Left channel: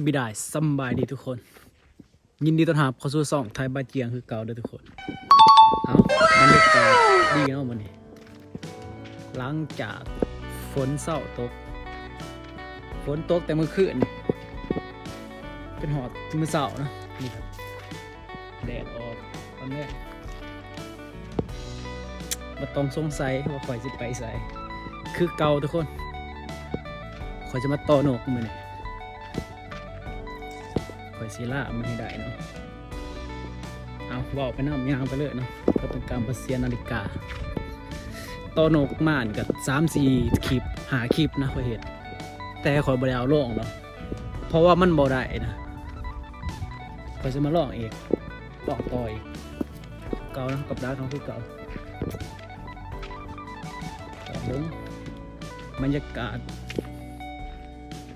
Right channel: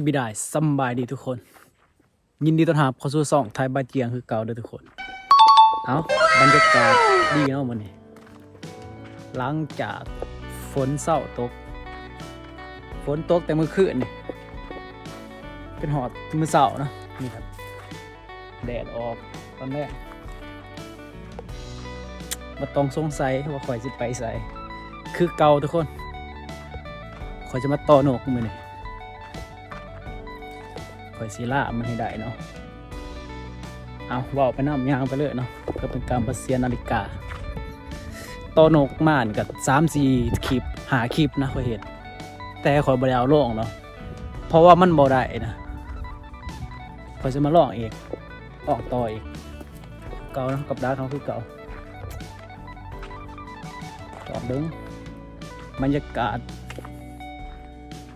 สบิดายสบายดีทุกคนยินดีต้อนรับเข้าสู่ช่องไทยบ้านเจียงคือเก่าเด้อทุกคนเอาบรรยากาศดีเนาะมื้อนี้หลังจากฝนเศร้าตกแต่เมื่อคืนนี่เป็นหอดมื้อเช้านะนี่ครับแดดออกตอนแรกบ่ต้องสงสัยว่าข่อยสิไปไสคือเก่าทุกคนข่อยจะมาต่อนกมื้อนี้ข่อยสิล่ามันให้ได้เนาะเอาว่าวไปน้ำยางไปเลยเนาะก็เป็นการประเสียนาฬิกาต่อนกม่านกับ3-4 คลิป5 คลิปนะข่อยเห็นแต่ข่อยบ่ได้เอาลงเนาะเพราะว่ามันบ่ได้นะข่อยจะมาลองอีกต่ออีกเก่านะกับดาเขาคือเก่าต่อเบิ้งบรรยากาศ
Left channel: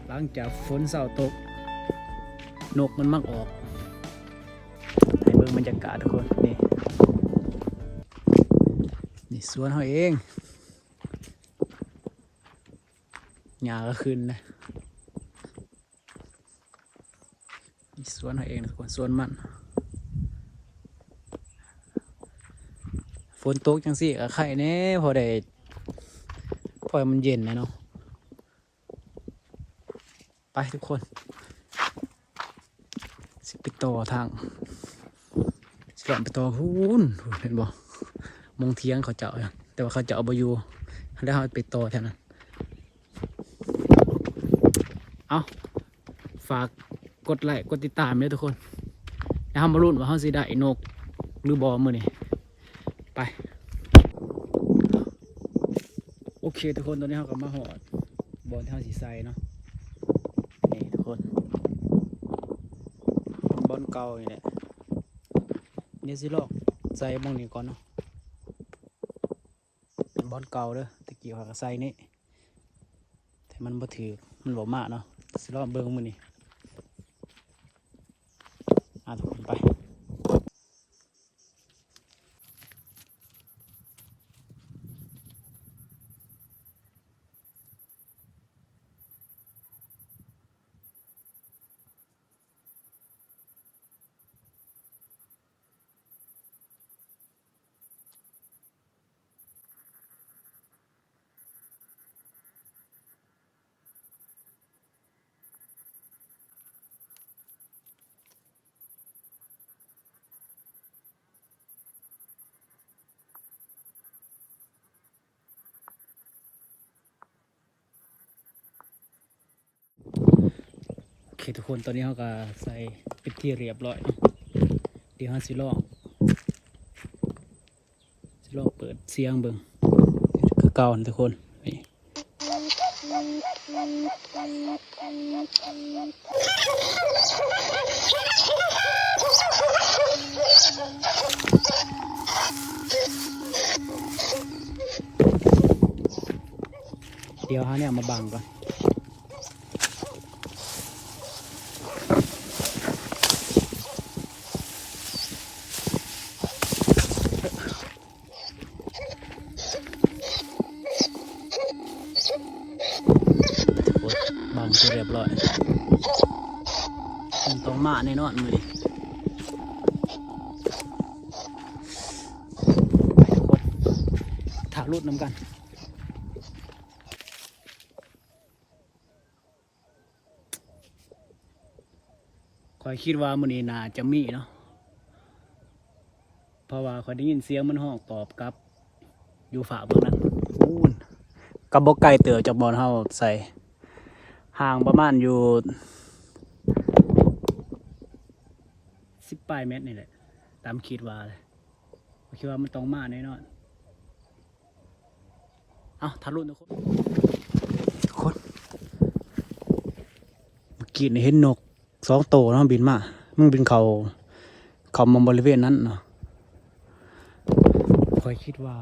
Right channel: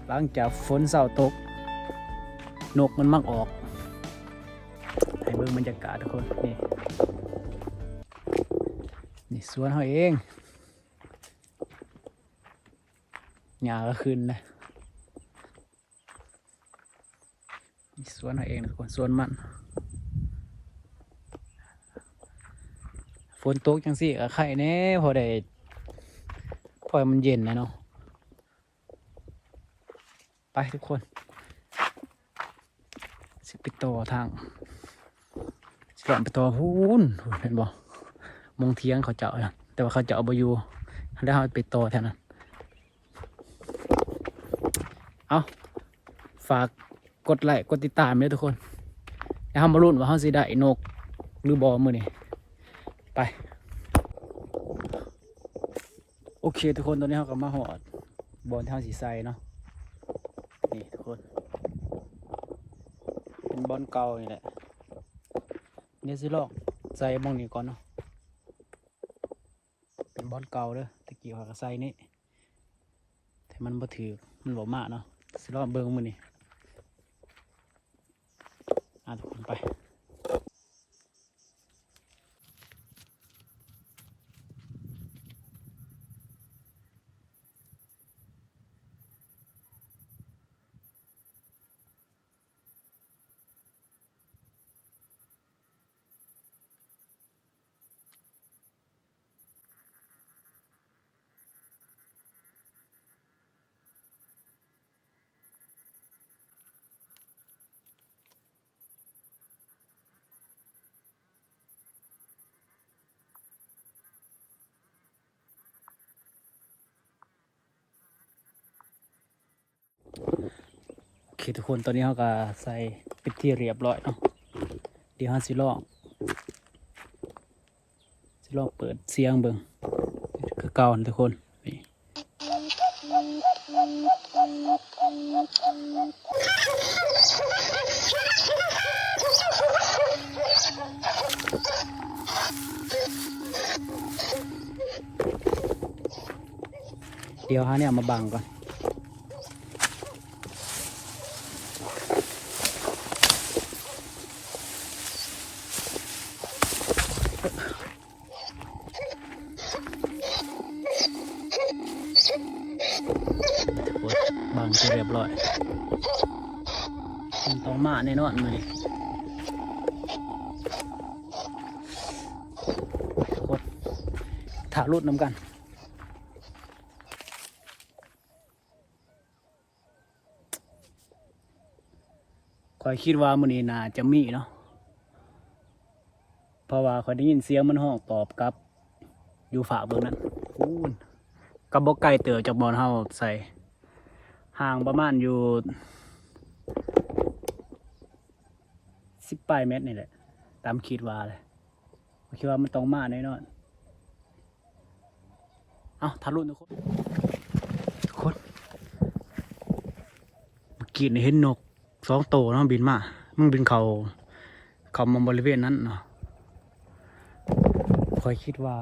หลังจากฝนเศร้าตกนกมันมักออกเบิ่งบรรยากาศทุกคนนี่สวนเขาเองหญ้าก็ขึ้นนะนี่สวนเขาเองทุกคนสวนมันฝนตกจังสิกับไข่แน่พอมันเย็นนะเนาะไปทุกคนสิไปต่อทางสิหล่อนไปต่อพูนเห็นบ่มงเทียงเขาเจาะแต่ว่าเขาเจาะบ่อยู่แล้วเขาไปต่อแถวนั้นเอาฝากกดไลค์กดติดตามด้วยทุกคนแล้วเขามาลุ้นว่าเขาสิได้นกหรือบ่มื้อนี้ไปโอเคทุกคนตอนนี้เขาก็มาหอดบอลที่เขาสีใสเนาะนี่ทุกคนบอลเก่านี่แหละเนี่ยสิลอกใส่บองนี้ก่อนเนาะบอลเก่าเด้อตะกี้เขาก็ใส่นี่แต่มันบ่ถือมันบ่มากเนาะสิลอกเบิ่งมื้อนี้ทุกคนไปโอเคทุกคนตอนนี้เขาก็ใส่เป็นที่เรียบร้อยเนาะเดี๋ยวเขาสิลอกเปิดเสียงเบิ่งคือเก่าทุกคนนี่เดี๋ยวเขาเนี่ยมาบังก่อนบังเสร็จเรียบร้อยมันต้องมาแน่นอนมือดิถ่ารุดน้ำกันคอยคิดว่ามือนี้น่าจะมีเนาะเพราะว่าคอยได้ยินเสียงมันห้องตอบกับอยู่ฝาเบื้องนั้นกับบกไก่เต๋อจากบอลเฮาใส่ห่างประมาณอยู่10 ปลายเมตรนี่แหละตามคิดว่าเลยคิดว่ามันต้องมาแน่นอนเอาทะลุทุกคนเมื่อกี้เห็นนก2 ตัวเนาะบินมามึงบินเขามองบริเวณนั้นเนาะคอยคิดว่า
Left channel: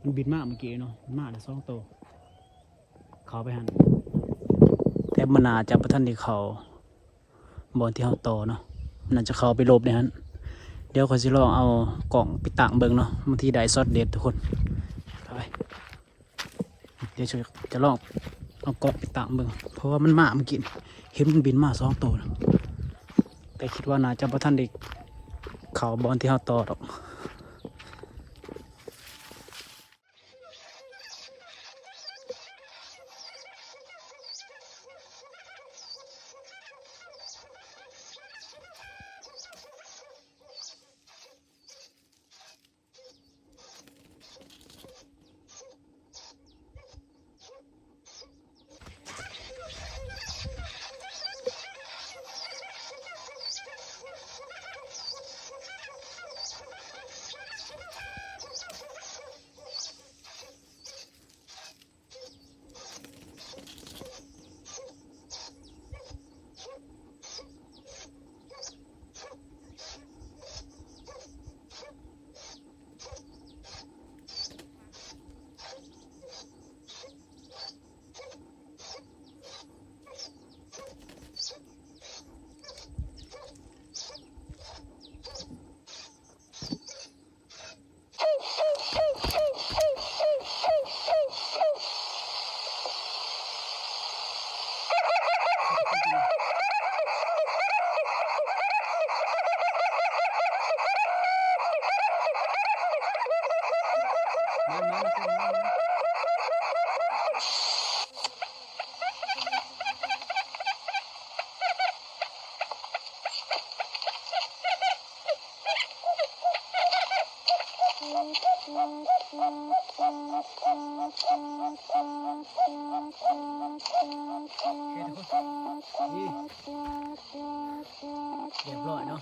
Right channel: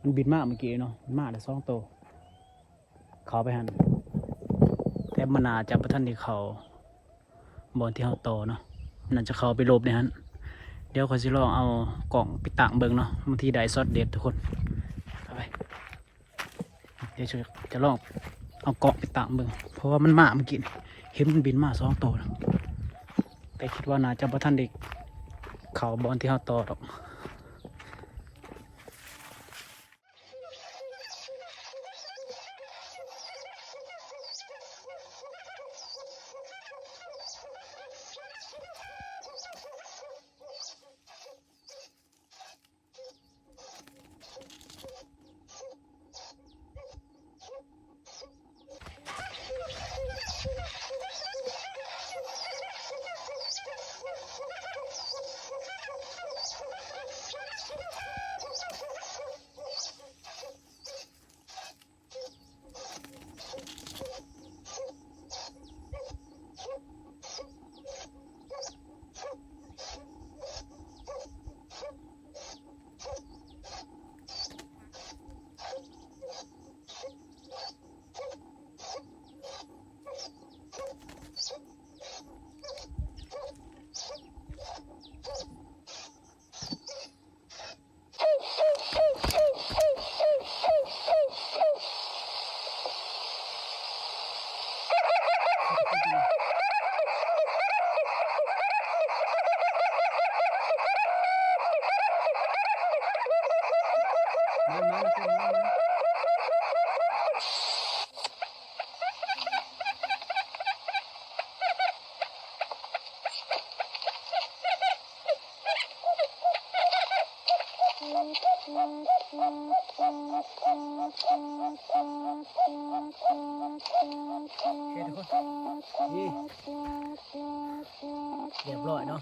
มันบินมาเมื่อกี้เนาะมันมาแต่2 ตัวเขาไปหันแต่มันน่าจะประทันที่เขาบนที่เขาโตเนาะมันน่าจะเขาไปหลบในนั้นเดี๋ยวคอยสิลองเอากล่องไปตั้งเบิ่งเนาะบางทีได้ซอสเด็ดทุกคนไปเดี๋ยวจะลองเอากล่องไปตั้งเบิ่งเพราะว่ามันมาเมื่อกี้ เห็นมันบินมา2 ตัวนะแต่คิดว่าน่าจะบ่ทันได้เข้าบอลที่เฮาต่อดอกมันทุกคนมันโอเคทุกคนนี่เรียบร้อยเนาะ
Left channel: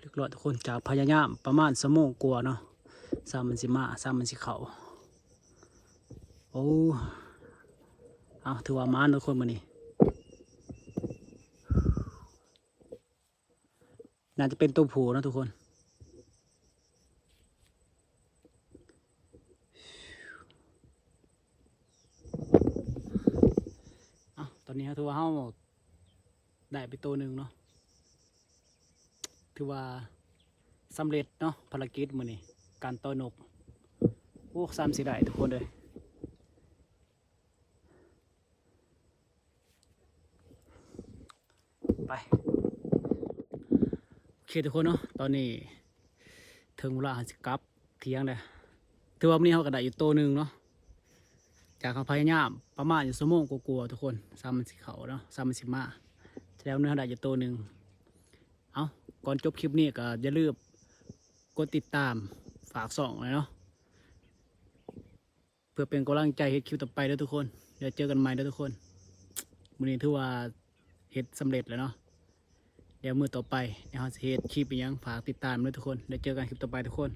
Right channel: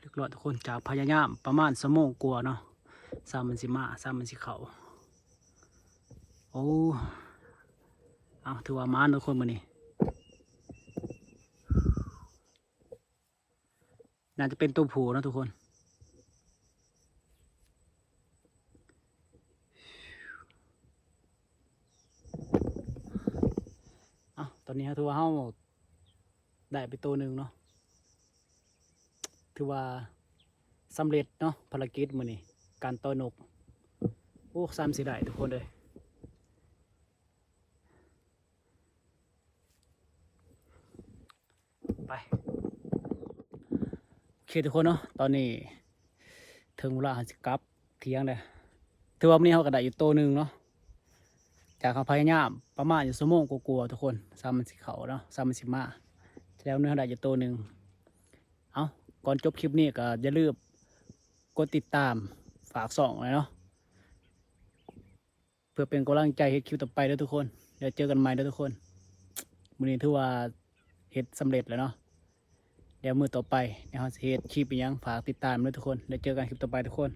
เรียบร้อยทุกคนจากพยายามประมาณ1 ชั่วโมงกว่าเนาะมันสิมามันสิเข้าโอ้เอาถือว่ามาทุกคนมื้อนี้น่าจะเป็นตัวผู้นะทุกคนตอนนี้ถือว่าเราได้ไปตัวหนึ่งเนาะถือว่าสำเร็จเนาะภารกิจมื้อนี้การต่อนกโอ้สิได้ทุกคนเลยไปโอเคทุกคนเนาะตอนนี้ถึงเวลาสิกลับเที่ยงเลยถือว่าวันนี้เราก็ได้อยู่ตัวหนึ่งเนาะจากเขาพยายามประมาณ1 ชั่วโมงกลัวๆทุกคนมันสิเขาเนาะมันสิมาแล้วเนื้อได้อยู่ตัวหนึ่งเอาก่อนจบคลิปนี้ก็อย่าลืมกดติดตามฝากส่องเลยเนาะเพื่อเป็นกำลังใจเฮ็ดคลิปต่อไปด้วยทุกคนเดี๋ยวเจอกันใหม่ด้วยทุกคนมื้อนี้ถือว่าเฮ็ดสำเร็จแล้วเนาะเดี๋ยวมื้อต่อไปเดี๋ยวเราจะเฮ็ดคลิปอีกอย่างฝากติดตามด้วยทุกคนเดี๋ยวเจอกันคลิปต่อไปทุกคน